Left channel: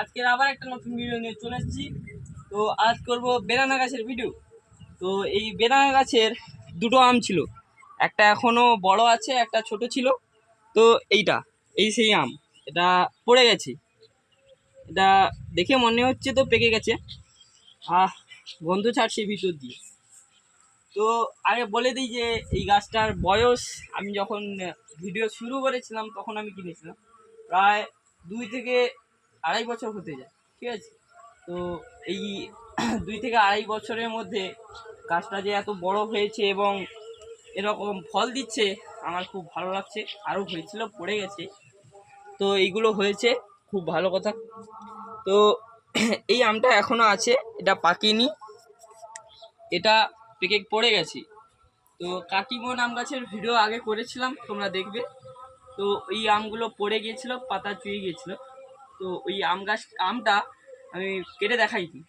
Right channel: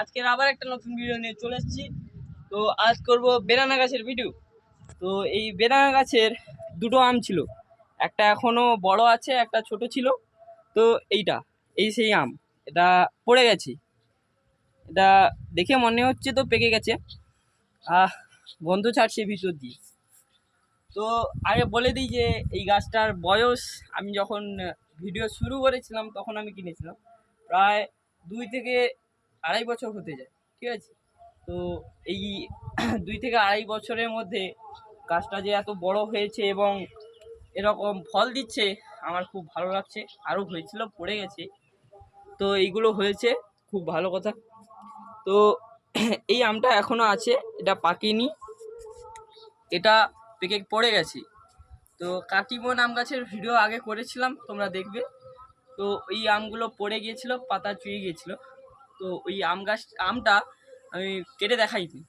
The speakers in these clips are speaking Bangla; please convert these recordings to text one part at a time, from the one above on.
আজকের আবার একটা নতুন ভিডিও নিয়ে চলে এসেছি। তো আজ করব বেদানা গাছের ভিডিও। তো এই বেদানা গাছের দুটো আম ছিল, একটা এখনো বড় আছে, একটা ছোট ছিল। তো এই সেই আম, এটা পড়ে গেছে। এটা দেখে মনে হচ্ছে তো পেকে গেছে। গন্ধ ছাড়ছে ভিতর দিয়ে। তো আগে বলে দিই যে এই গাছটার বয়স, আমি যখন ভিডিও শুরু করেছিলাম তখন আমি কিনেছিলাম, প্রায় 2 থেকে আড়াই বছর হতে যায়, ঠিক আছে। তো এই 2 থেকে আড়াই বছরের মধ্যে গাছটা যে এত বড় হয়েছে এবং এরকম ফল দিচ্ছে, আমার খুব ভালো লাগছে। আরও হয়েছিল, পড়ে গেছে, তো এইগুলো হয়েছে, খুব ভালো কথা। তো এই আমটা এখনও আছে, এটা পাকেনি, এটা পেকে পড়ে গেছে। তো কাটিমন আম গাছের ভিডিও আগে করেছিলাম, তোমরা দেখবে। তো এই আমগুলো পড়ে গিয়েছিল, পাতা চুয়ে গিয়েছিল। তো ওই আমটা আমি কেটে দেখাইনি।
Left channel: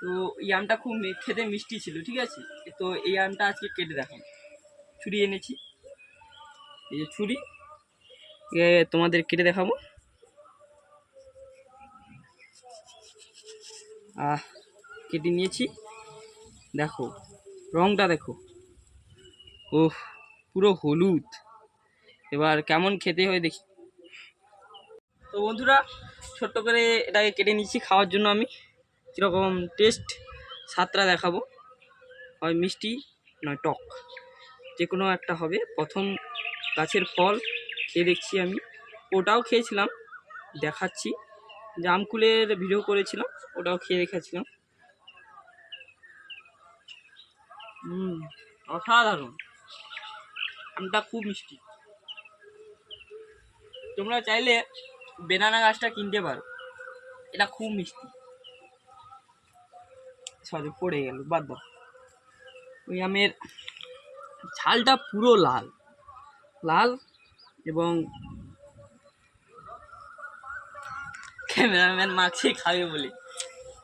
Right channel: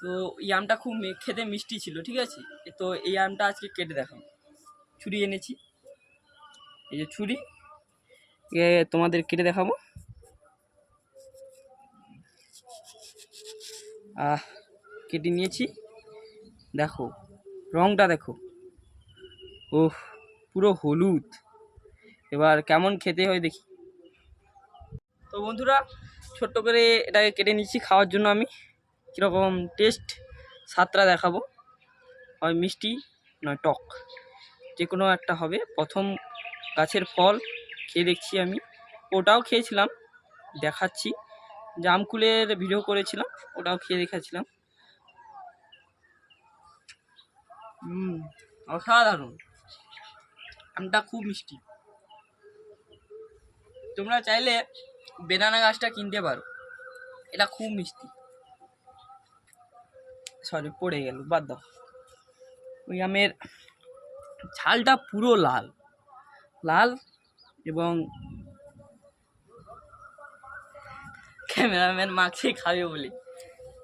তো এই আমটা খুব খেতে মিষ্টি ছিল, ঠিক আছে। তো এই আমটা আজকে কেটে দেখাম। ছুরি এনেছি, এই যে ছুরি, তোমাদের কেটে দেখাবো। কেটে নিয়েছি, দেখো রংটা দেখো, ওহ পুরো হলুদ। এবার কেমন খেতে হয় দেখি। তো বন্ধুরা, ছোট্ট করে এটাকে কেটে নিচ্ছি খাওয়ার জন্য। আমি কীরকম টেস্ট, স্বাদটা দেখাবো। হয় মিষ্টি নয় টক, যে কোনো একটা হবে। প্রথম গাছের ফল খেয়ে দেখছি আমি, ওটাও খেয়েছিলাম, দেখাচ্ছি। জামকুলের ভিডিও করেছিলাম, ওটাও খেয়ে দেখাচ্ছিলাম। অসাধারণ, আমটা খুব মিষ্টি। তোমরা চাইলে বেদানা গাছটা কিনতে পারো, এটা খুব মিষ্টি। সরি, পড়ে গেল, বাদ দাও। ওই আমের ঝালটা পুরো লাল লাল, এবং ক্যামেরাম্যান মাখছে খাবে বলে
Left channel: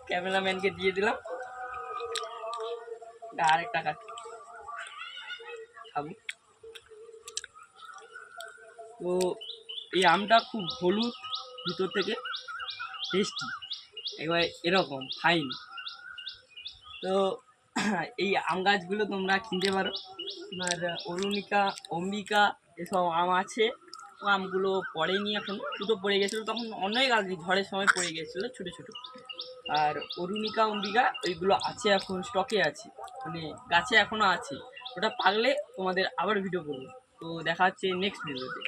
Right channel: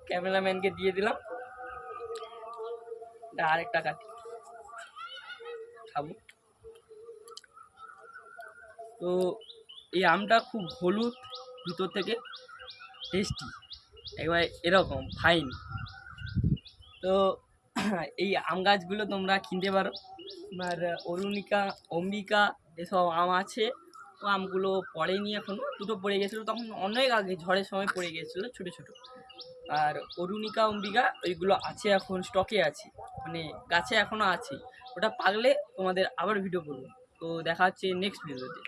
ক্যামেরাম্যানকে দিয়ে দিলাম। আরেকটা কাটি খাবো। তো এই আমটা খুব হলুদ ভিতর থেকে, টেস্টি, একবার এরকম ফাইন। তো এই আম গাছগুলো তোমরা কিনতে পারো। তোমার অরুণিকা, অম্বিকা এসব আম আছে। ও আমগুলো পড়েনি, এখন দুটো পড়ে গেছিলো, তখন অনেক আগে ঝড়ের সময় পড়ে গিয়েছিলো ছোটো ছোটো। আর অরুণিকা, অম্বিকা ওইগুলো আছে, এখন স্টকে আছে, মানে গাছে এখনও আছে। ওটা পাকলে তোমাদের আবার ভিডিও করবো। তো দেখা হচ্ছে নেক্সট ভিডিওতে।